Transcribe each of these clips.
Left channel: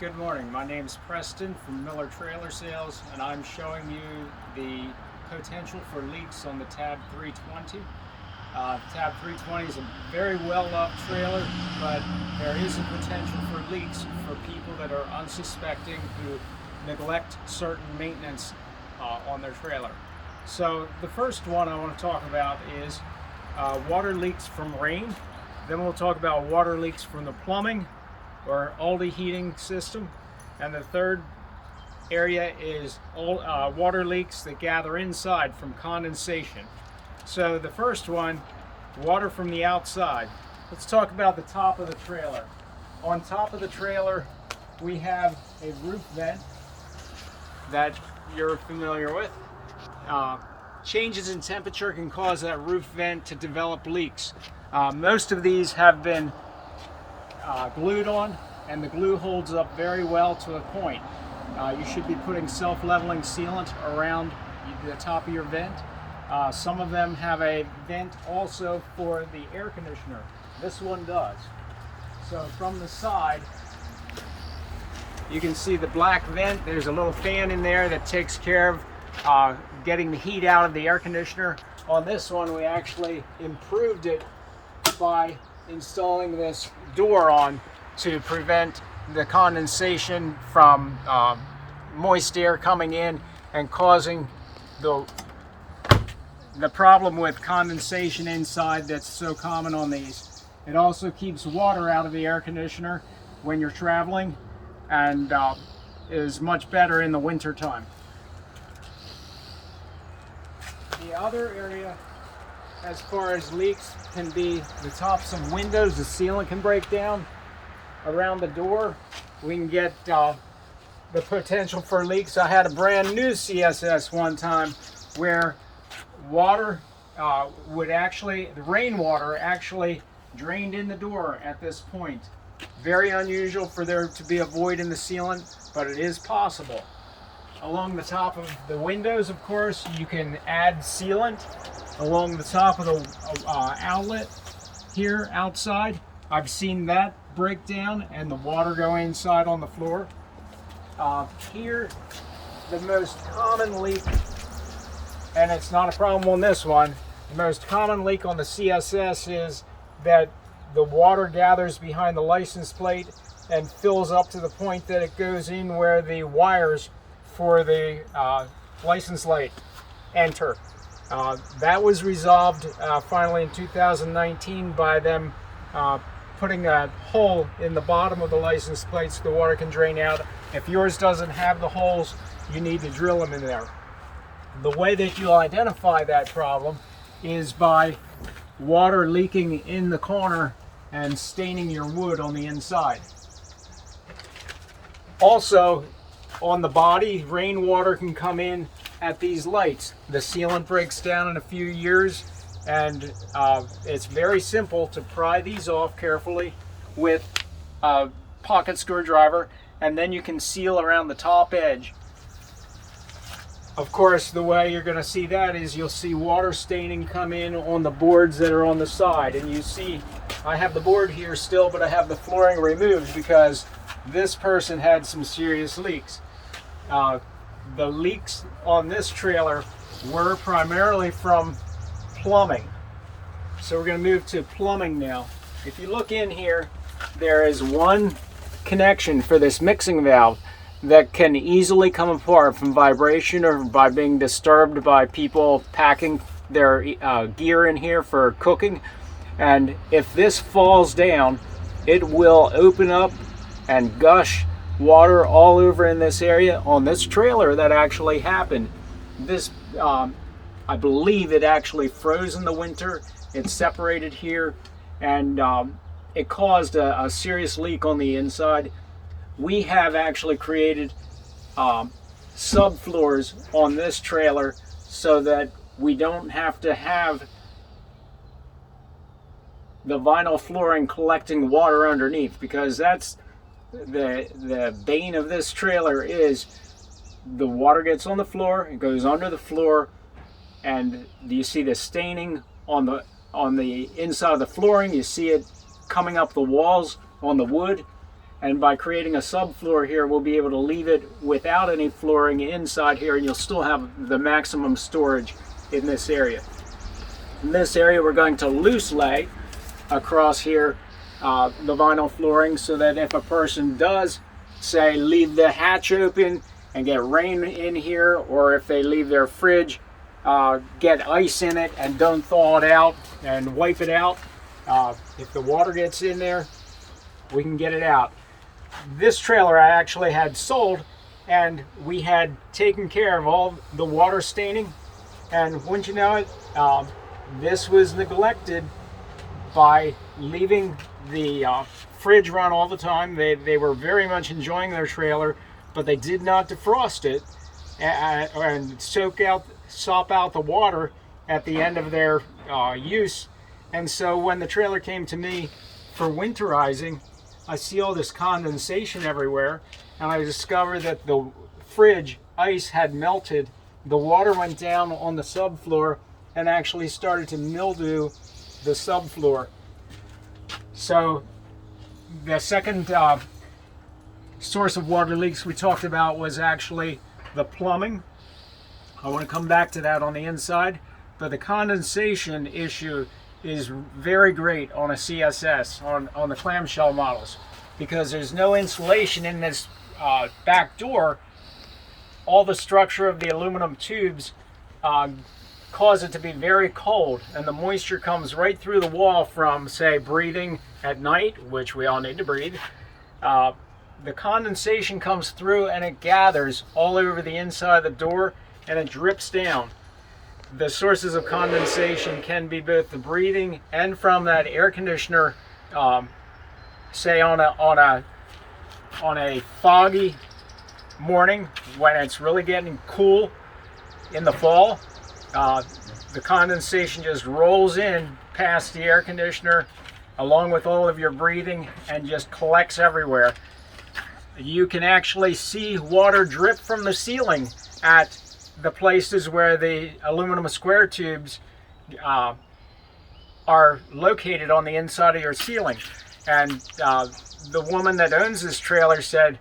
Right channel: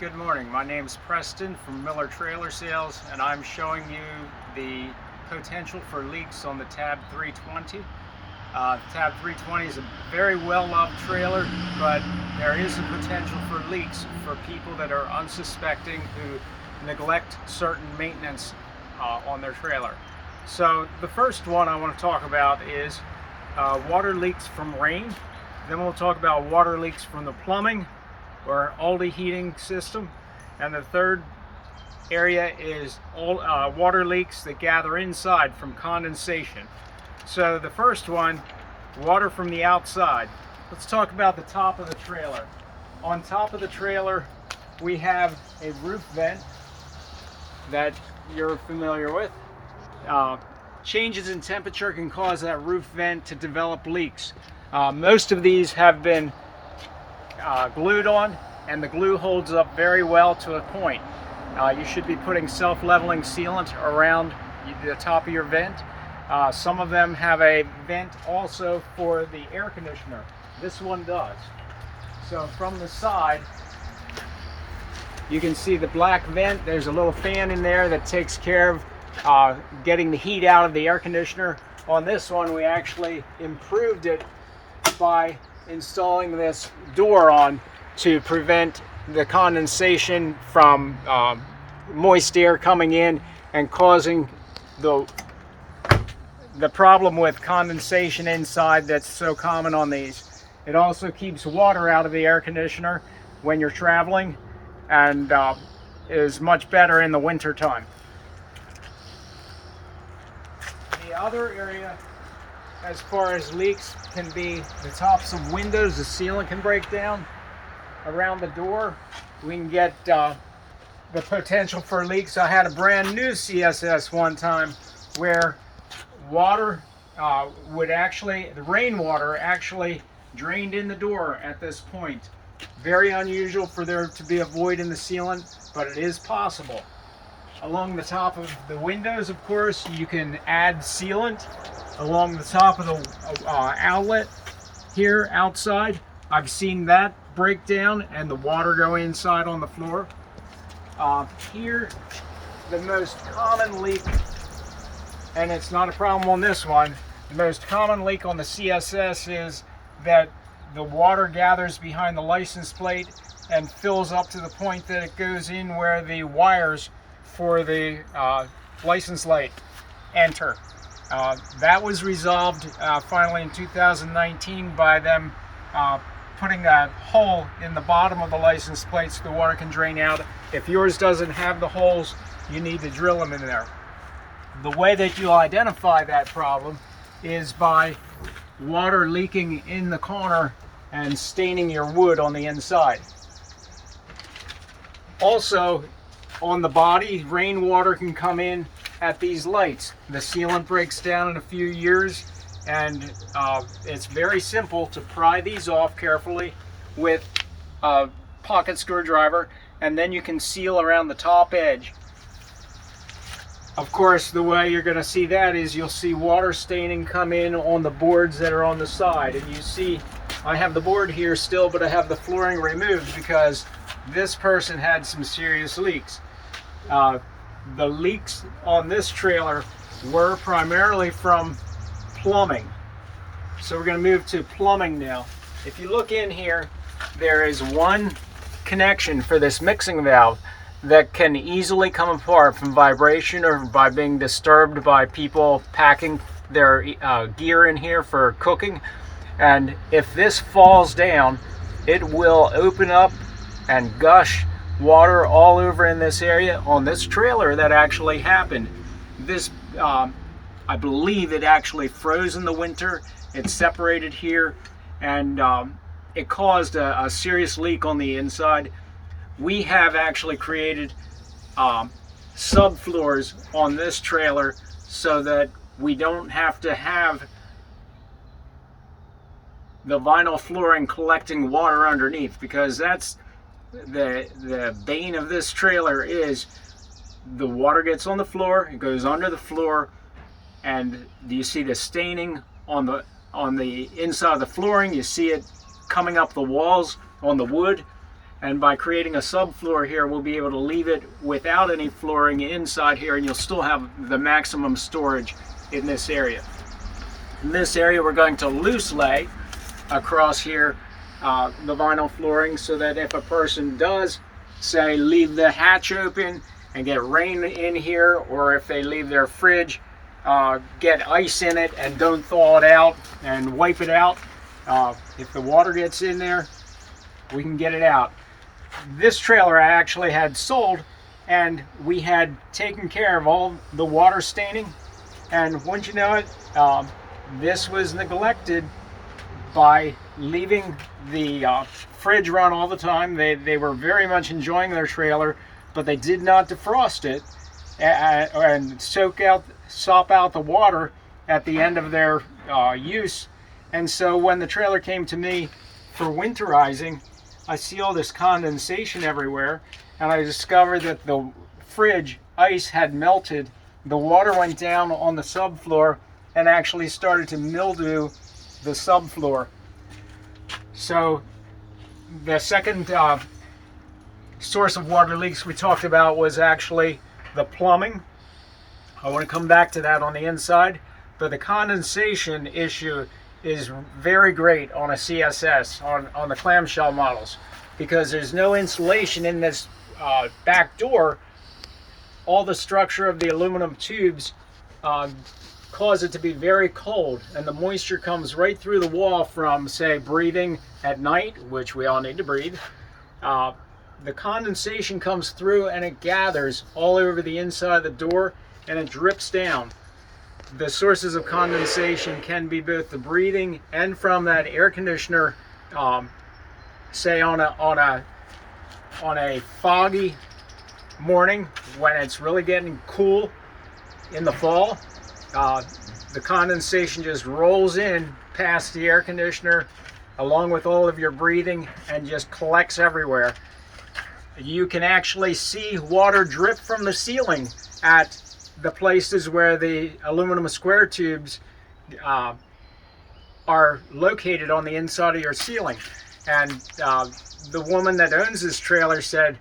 Good morning. My name is Preston from Miller Trailer Sales, and I'm showing you the potential for leaks on the Tab 320. Tab 320 is a very well-loved trailer, but there is a potential for leaks for people that are unsuspecting who neglect certain maintenance on their trailer. So the first one I want to talk about is water leaks from rain. Then we'll talk about water leaks from the plumbing or Aldi heating system, and the third area is all water leaks that gather inside from condensation. So the first one, water from the outside. Let's talk about the top of the trailer. On top of the trailer we have a roof vent that you're familiar with. Changes in temperature can cause that roof vent to develop leaks. Most of these have been glued on, and the glue holds up very well to a point. You should be putting self-leveling sealant around the top of your vent. Some of them have a vent also for the air conditioner. This one does. So from the side you can see the black vent. There's a little fan in there that takes care of getting the heat out of the air conditioner. On this one we actually improved it by installing this door on to prevent the condensation from moist air coming in and causing the problem with condensation inside that's so common on these. It also keeps water out of the air conditioner when you're traveling, and is much better in the winter time. The other area as far as leaks can be the tops of windows. The sealant can break down. Around the door we can get the potential for leaks. I had a brand new CSS one time where water the rainwater actually drained in the door at this point. Very unusual for there to be a void in the sealant, but it is possible. Along the top of the windows, of course, you can add sealant. Along the top of the outlet here outside, I've seen that break down and the water go inside on the floor. Here, the most common leak, and it's not a problem on this one, the most common leak on the CSS is that the water gathers behind the license plate and fills up to the point that it goes in where the wires for the license light enter. That was resolved finally in 2019 by them putting a hole in the bottom of the license plate so the water can drain out. If yours doesn't have the holes, you need to drill them in there. The way that you'll identify that problem is by water leaking in the corner and staining your wood on the inside. Also, on the body, rainwater can come in at these lights. The sealant breaks down in a few years, and it's very simple to pry these off carefully with a pocket screwdriver, and then you can seal around the top edge. Of course, the way you're going to see that is you'll see water staining come in on the boards that are on the side, and you see I have the board here still, but I have the flooring removed because this person had some serious leaks. The leaks on this trailer were primarily from plumbing. So we're going to move to plumbing now. If you look in here, there is one connection for this mixing valve that can easily come apart from vibration or by being disturbed by people packing their gear in here for cooking. And if this falls down, it will open up and gush water all over in this area. On this trailer that actually happened. This I believe it actually froze in the winter. It separated here, and it caused a serious leak on the inside. We have actually created subfloors on this trailer so that we don't have to have the vinyl flooring collecting water underneath, because that's the bane of this trailer is the water gets on the floor, it goes under the floor, and you see the staining on the inside of the flooring. You see it coming up the walls on the wood, And by creating a subfloor here, we'll be able to leave it without any flooring inside here, and you'll still have the maximum storage in this area. In this area, we're going to loose lay across here the vinyl flooring, so that if a person does, say, leave the hatch open and get rain in here, or if they leave their fridge, get ice in it and don't thaw it out and wipe it out, if the water gets in there, we can get it out. This trailer I actually had sold, and we had taken care of all the water staining, and wouldn't you know it, this was neglected by leaving the fridge run all the time. They were very much enjoying their trailer, but they did not defrost it and sop out the water at the end of their use. And so when the trailer came to me for winterizing, I see all this condensation everywhere, and I discovered that the fridge ice had melted. The water went down on the subfloor and actually started to mildew the subfloor. So the second source of water leaks we talked about was actually the plumbing. I want to come back to that on the inside, but the condensation issue is very great on a CSS, on the clamshell models, because there's no insulation in this back door. All the structure of the aluminum tubes cause it to be very cold, and the moisture comes right through the wall from, say, breathing at night, which we all need to breathe. The condensation comes through and it gathers all over the inside of the door, and it drips down. The sources of condensation can be both the breathing and from that air conditioner, say on a foggy morning when it's really getting cool in the fall. The condensation just rolls in past the air conditioner along with all of your breathing and just collects everywhere. You can actually see water drip from the ceiling at the places where the aluminum square tubes are located on the inside of your ceiling. And the woman that owns this trailer said,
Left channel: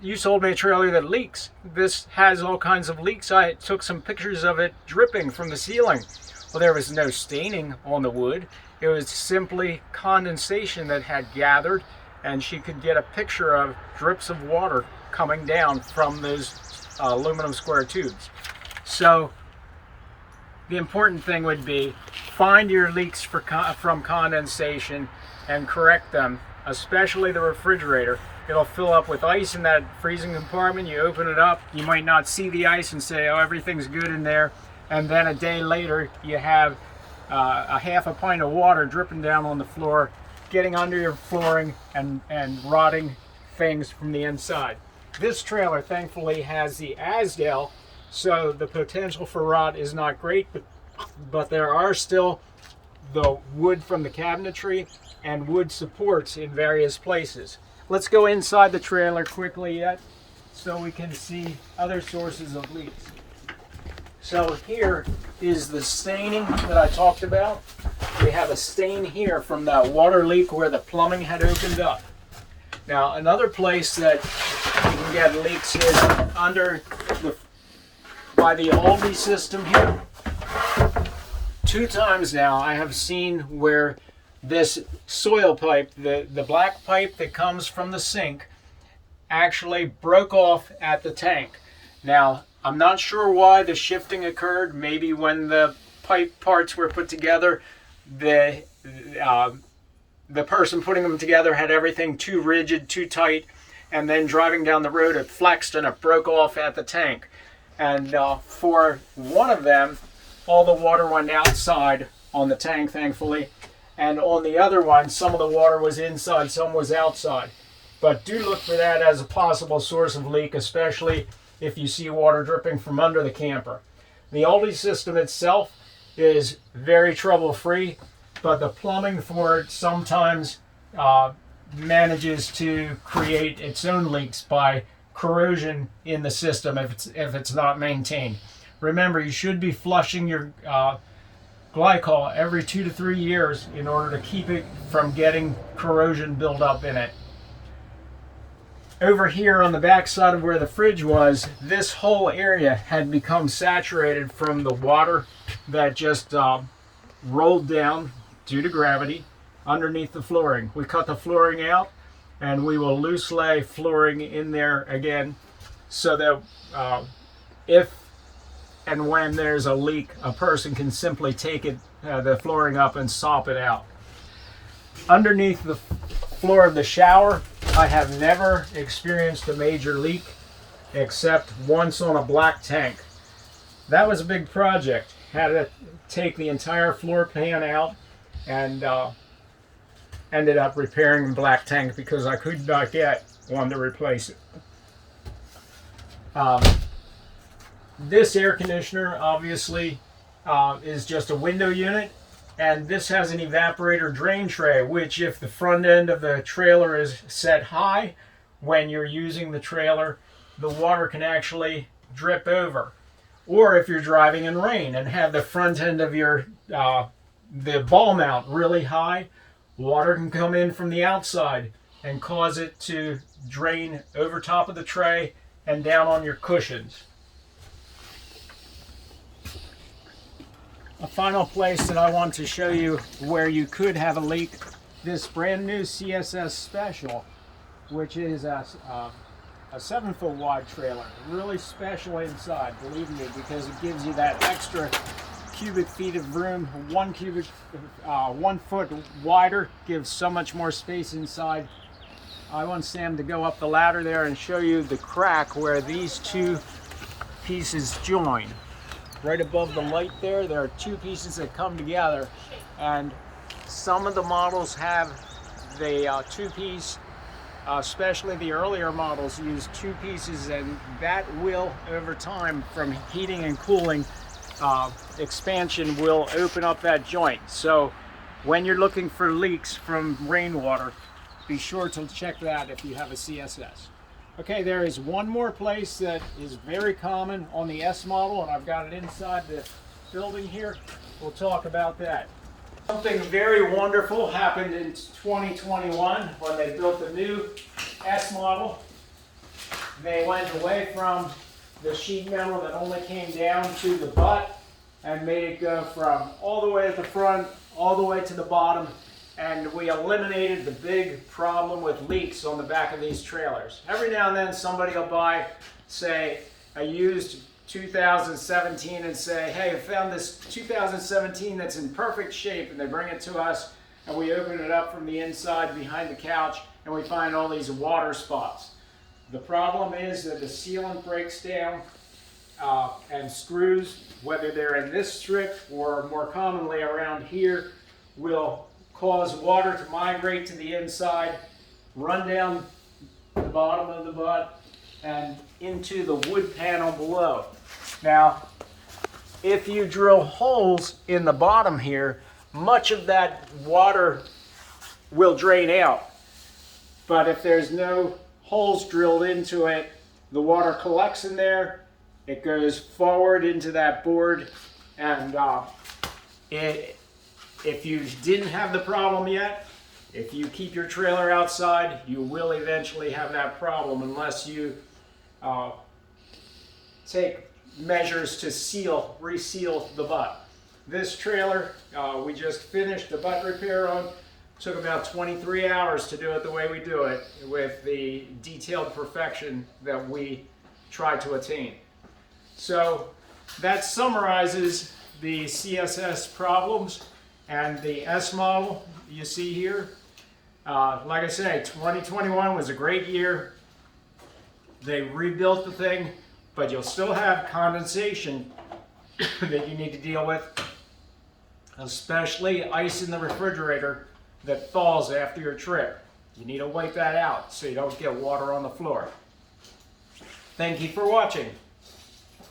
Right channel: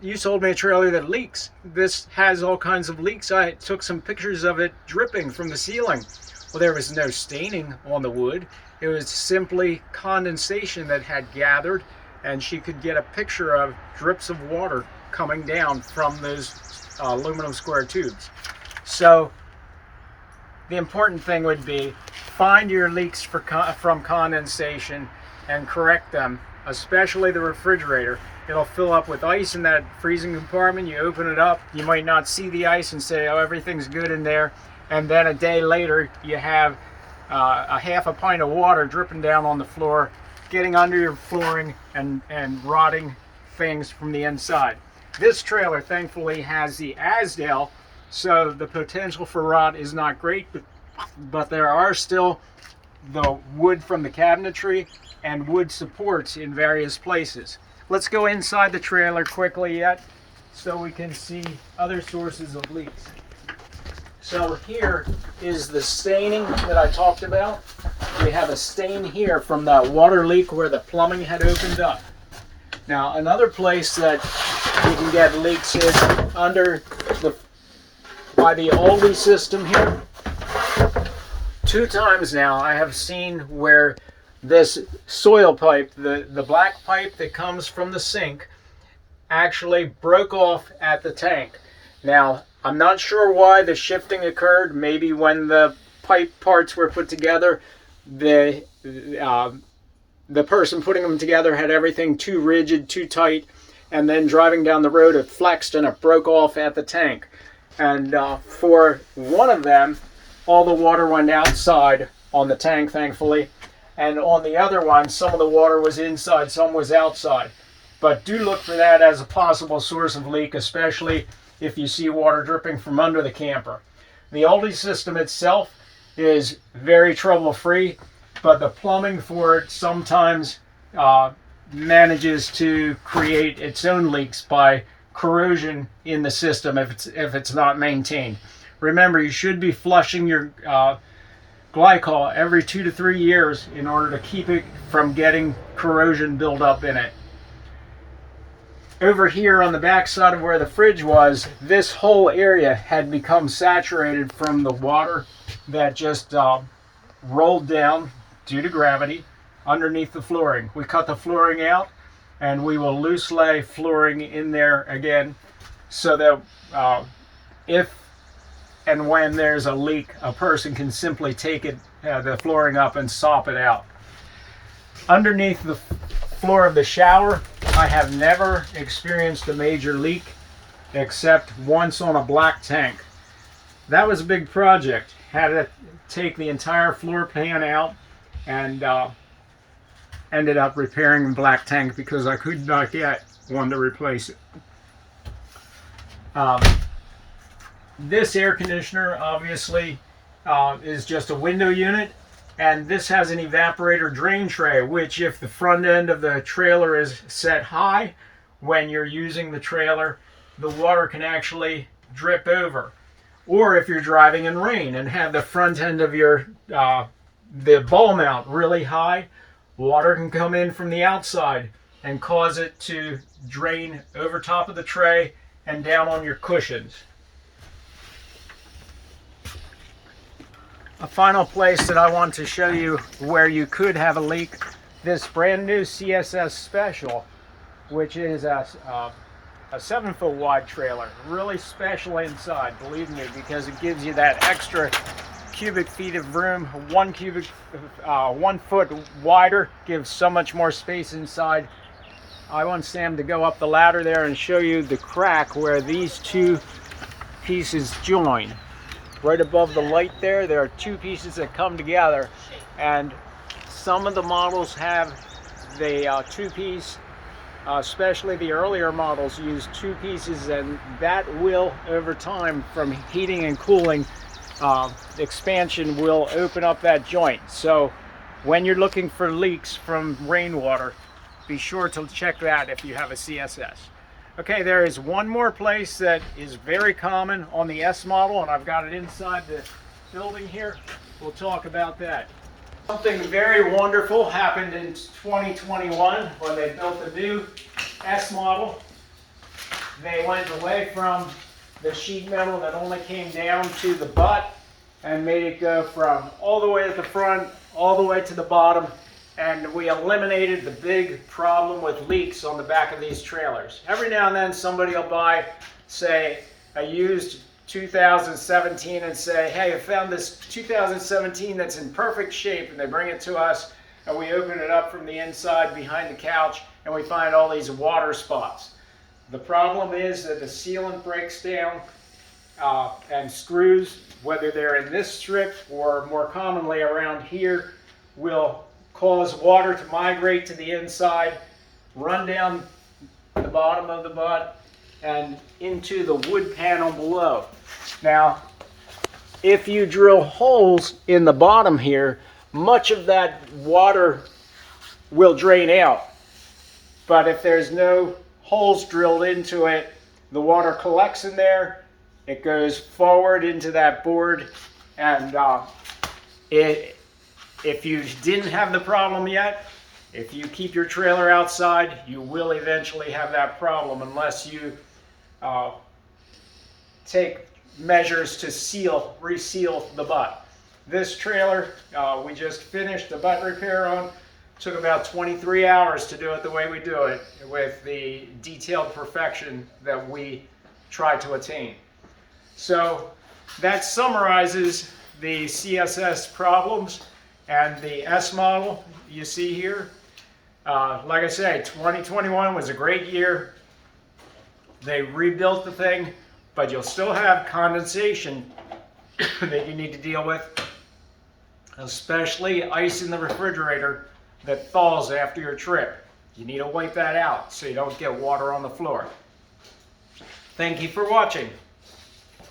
you sold me a trailer that leaks. This has all kinds of leaks. I took some pictures of it dripping from the ceiling. Well, there was no staining on the wood. It was simply condensation that had gathered, and she could get a picture of drips of water coming down from those aluminum square tubes. So the important thing would be find your leaks from condensation and correct them, especially the refrigerator. It'll fill up with ice in that freezing compartment. You open it up, you might not see the ice and say, oh, everything's good in there. And then a day later, you have a half a pint of water dripping down on the floor, getting under your flooring and rotting things from the inside. This trailer thankfully has the Azdel, so the potential for rot is not great, but there are still the wood from the cabinetry and wood supports in various places. Let's go inside the trailer quickly yet so we can see other sources of leaks. So here is the staining that I talked about. We have a stain here from that water leak where the plumbing had opened up. Now another place that we can get leaks is by the Aldi system here. 2 times now I have seen where this soil pipe, the black pipe that comes from the sink, actually broke off at the tank. Now, I'm not sure why the shifting occurred. Maybe when the pipe parts were put together, the person putting them together had everything too rigid, too tight, and then driving down the road it flexed and it broke off at the tank. And for one of them, all the water went outside on the tank, thankfully. And on the other one, some of the water was inside, some was outside. But do look for that as a possible source of leak, especially if you see water dripping from under the camper. The Aldi system itself is very trouble-free, but the plumbing for it sometimes manages to create its own leaks by corrosion in the system if it's not maintained. Remember, you should be flushing your glycol every 2 to 3 years in order to keep it from getting corrosion build up in it. over here on the back side of where the fridge was, this whole area had become saturated from the water that just rolled down due to gravity underneath the flooring. We cut the flooring out, and we will loose lay flooring in there again, so that if and when there's a leak, a person can simply take it, the flooring up and sop it out. Underneath the floor of the shower, I have never experienced a major leak except once on a black tank. That was a big project. Had to take the entire floor pan out, and ended up repairing the black tank because I could not get one to replace it. This air conditioner obviously is just a window unit, and this has an evaporator drain tray, which if the front end of the trailer is set high, when you're using the trailer, the water can actually drip over. Or if you're driving in rain and have the front end of your the ball mount really high, water can come in from the outside and cause it to drain over top of the tray and down on your cushions. A final place that I want to show you where you could have a leak, this brand new CSS Special, which is a 7-foot wide trailer. Really special inside, believe me, because it gives you that extra cubic feet of room. 1 foot wider gives so much more space inside. I want Sam to go up the ladder there and show you the crack where these two pieces join. Right above the light there are two pieces that come together, and some of the models have the two-piece, especially the earlier models use two pieces, and that will, over time, from heating and cooling, expansion will open up that joint. So when you're looking for leaks from rainwater, be sure to check that if you have a CSS. Okay, there is one more place that is very common on the S model, and I've got it inside the building here. We'll talk about that. Something very wonderful happened in 2021 when they built the new S model. They went away from the sheet metal that only came down to the butt and made it go from all the way at the front, all the way to the bottom. And we eliminated the big problem with leaks on the back of these trailers. Every now and then somebody will buy, say, a used 2017 and say, hey, I found this 2017 that's in perfect shape, and they bring it to us, and we open it up from the inside behind the couch, and we find all these water spots. The problem is that the sealant breaks down, and screws, whether they're in this strip or more commonly around here, will cause water to migrate to the inside, run down the bottom of the butt, and into the wood panel below. Now, if you drill holes in the bottom here, much of that water will drain out. But if there's no holes drilled into it, the water collects in there, it goes forward into that board, and if you didn't have the problem yet, if you keep your trailer outside, you will eventually have that problem unless you take measures to reseal the butt. This trailer, we just finished the butt repair on. Took about 23 hours to do it the way we do it, with the detailed perfection that we try to attain. So that summarizes the CSS problems and the S model you see here. Like I say, 2021 was a great year. They rebuilt the thing, but you'll still have condensation that you need to deal with, especially ice in the refrigerator that falls after your trip. You need to wipe that out so you don't get water on the floor. Thank you for watching.